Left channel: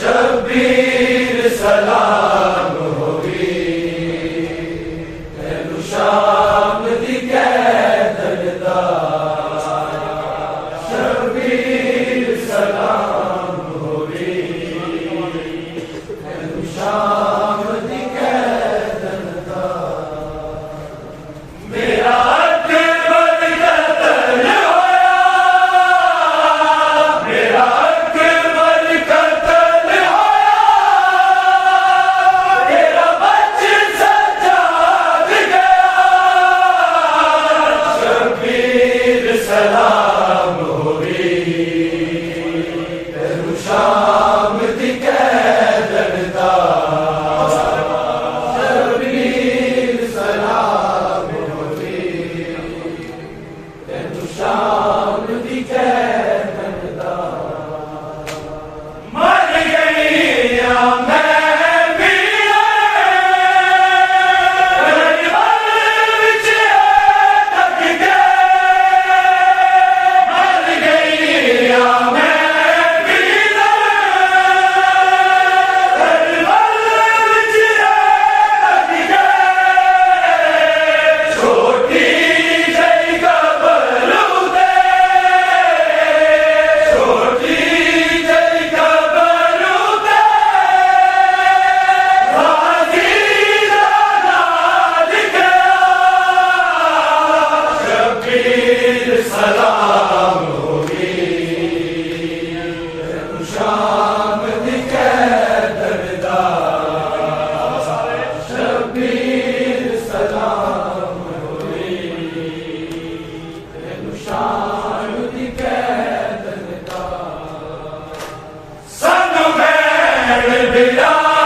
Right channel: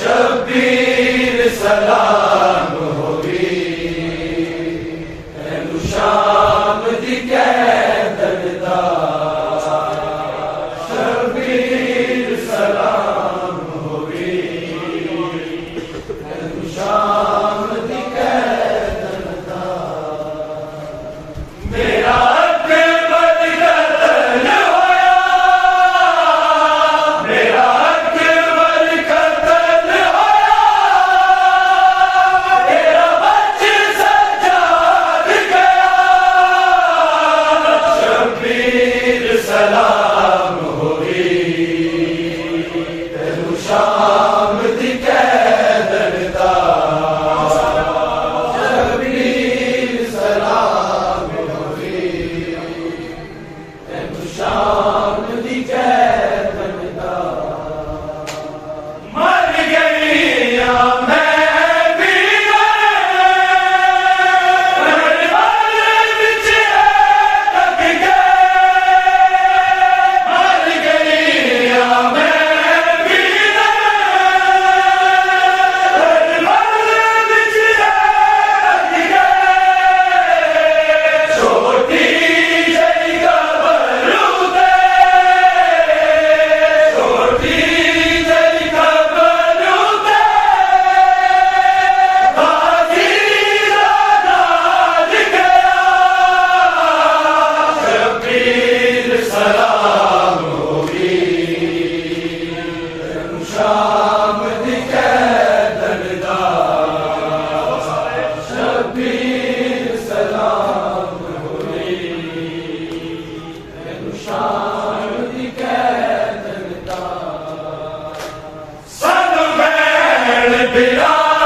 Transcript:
शबीर सलाम होगी तेनू शाम दी कैदरदा शबीर सलाम होगी तेनू शाम दी कैदरदा मेरा सलाम होगी तेनू शाम दी कैदरदा शबीर सलाम होगी तेनू शाम दी कैदरदा मर गई मैं सलाम होगी तेनू शाम दी कैदरदा शबीर सलाम होगी तेनू शाम दी कैदरदा सानू भैण बिरा